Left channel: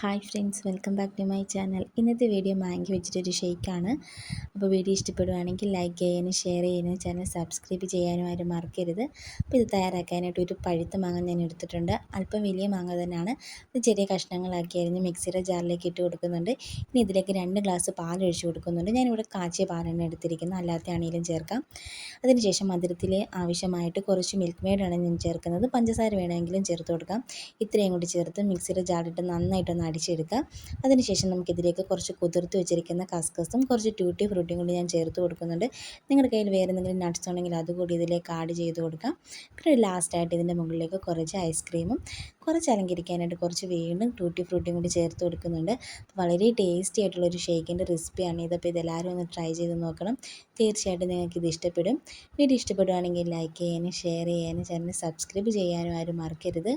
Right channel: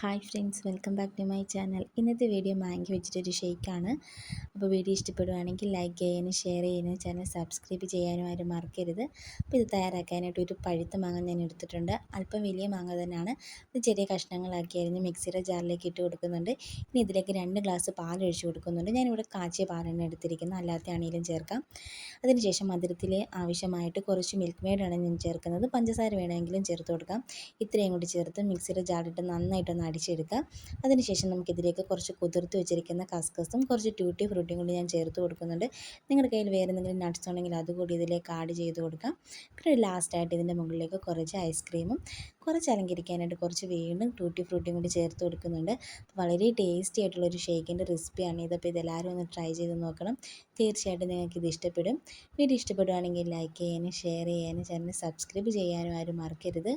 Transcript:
Hi friends welcome back to my channel ഇന്നത്തെ video മാങ്കി വെച്ചിട്ടൊരു ഷേക്കാണ് അപ്പോൾ വീഡിയോ ഇഷ്ടപ്പെടുവാണെങ്കിൽ ലൈക്ക് ചെയ്യാനും ഷെയർ ചെയ്യാനും ചാനൽ സബ്സ്ക്രൈബ് ചെയ്യാനും ആരും മറക്കരുത്. അപ്പോൾ ഇത് തയ്യാറാക്കാനായിട്ട് ഒരു പഴുത്ത മാങ്ങ ഞാൻ എടുത്തിട്ടുണ്ട്. അല്പം വലിയ മാങ്ങ തന്നെയാണ്. ഇത് ചെറിയ കഷ്ണങ്ങളാക്കി അരിഞ്ഞ് മിക്സിയുടെ ജാറിലേക്ക് ഇട്ട് കൊടുക്കുന്നുണ്ട്. ഇനി ഇതിലേക്ക് രണ്ട് ഗ്ലാസ് പാൽ ഒഴിച്ച് കൊടുക്കുന്നുണ്ട്. ഞാനിവിടെ കാച്ചിയ പാലാണ് എടുത്തിരിക്കുന്നത് അല്ലാത്ത ആണെങ്കിലും ചേർക്കാം. അതിനുശേഷം മധുരത്തിൽ ആവശ്യമായിട്ട് കുറച്ച് മിൽക്ക് മെയ്ഡാണ് ഞാൻ ചേർക്കുന്നത്. പഞ്ചസാര വേണമെങ്കിലും ചേർത്ത് കൊടുക്കാം. ഇത്രയും കൂടി ചേർത്ത് മിക്സിയുടെ ജാറിട്ട് നന്നായിട്ടൊന്ന് അടിച്ചെടുക്കുക. അതിനുശേഷം നമുക്കിതിലേക്ക് കുറച്ച് കുതിർത്ത് വെച്ചിരിക്കുന്ന കസ്കസും കുറച്ച് ട്യൂട്ടി ഫ്രൂട്ടിയും കൂടി ഞാൻ ചേർത്ത് കൊടുക്കുന്നുണ്ട്. നിങ്ങളുടെ കയ്യിൽ വേറെ എന്തെങ്കിലും നട്ട്സ് ഉണ്ടെങ്കിൽ അതുകൂടി ഇതിലേക്ക് ആഡ് ചെയ്ത് കൊടുക്കാം. പിന്നെ ലാസ്റ്റായിട്ട് ഇതിന്റെ മുകളിലേക്ക് കുറച്ച് ഐസ്ക്രീമും കുറച്ച് അലങ്കരിക്കാനായിട്ട് കുറച്ച് വീണ്ടും ട്യൂട്ടി ഫ്രൂട്ടിയും കൂടി ചേർത്ത് കൊടുക്കുന്നുണ്ട്. വളരെ ടേസ്റ്റി ആയിട്ടുള്ളൊരു ഷേക്കിന്റെ റെസിപ്പിയാണ് ഇതപ്പോൾ ഇതെല്ലാവരും ഒന്ന് ട്രൈ ചെയ്ത് നോക്കണം. തീർച്ചയായിട്ടും നിങ്ങൾക്ക് ഇത് ഇഷ്ടപ്പെടും. വീഡിയോ ഇഷ്ടപ്പെടുകയാണെങ്കിൽ ലൈക്ക് ചെയ്യാനും ഷെയർ ചെയ്യാനും ചാനൽ സബ്സ്ക്രൈബ് ചെയ്യാനും ആരും മറക്കരുത്.